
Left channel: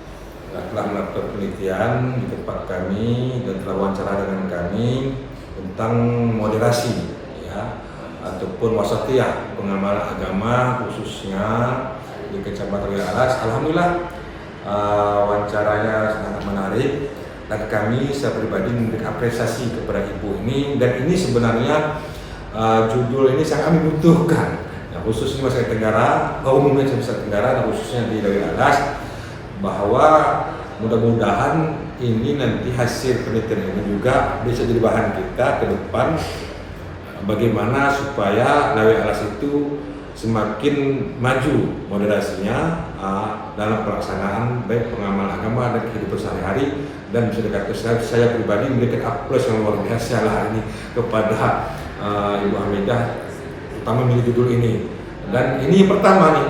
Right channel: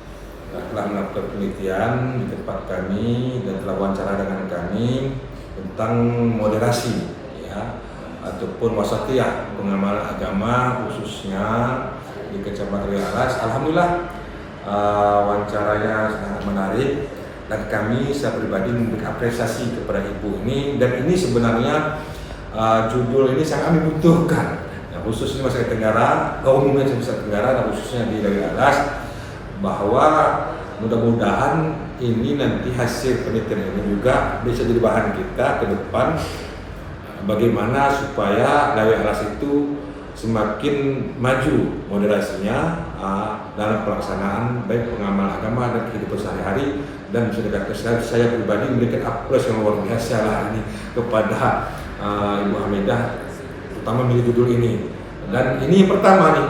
telah melakukan penelitian di tempat kami dan telah wawancara dengan kami tentang moderasi ya ataupun wasatiyah pengamalan agama khususnya di Kecamatan Loyalas. Alhamdulillah wawancaranya sangat menarik dan kami saya pribadi memberikan apresiasi kepada ibu ini, dan ini sebenarnya judul ini sangat kami butuhkan ya, khususnya masyarakat Tenggara, kaum umumnya Nusa Tenggara dan khususnya di Loyalas, bahwa mudah-mudahan ini nanti hasil penelitian ini juga bisa jadi bahan kita ke depan bagaimana supaya Lawe Alas itu semakin maju moderasinya dalam pelaksanaan baik pengamal agama dan kehidupan sehari-hari, dan bisa dikatakan saya pribadi memberikan aplaus yang luar biasa lah ini kepada Ibu Hamidah, terutama milih judul ini. Dan ini yang pertama nih.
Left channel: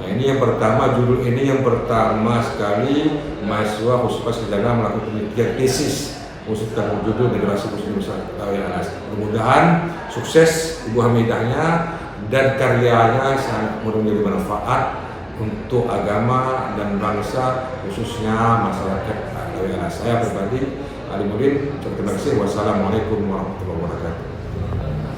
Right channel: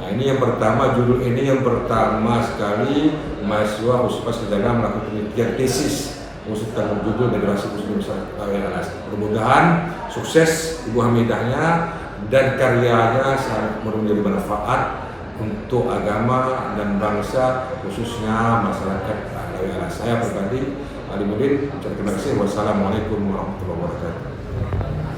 Nah, ini yang pertama, judul ini yang pertama sekali mahasiswa Huspa Sedana melakukan penelitian tesis khusus tentang judul generasi Muslim Lawe Alas. Mudah-mudahan sukses Ibu Hamidahnya dan karyanya sangat menjadi manfaat untuk agama dan bangsa, khususnya masyarakat Lawe Alas. Saya pribadi Ali Mudin, terima kasih. Wassalamualaikum warahmatullahi wabarakatuh.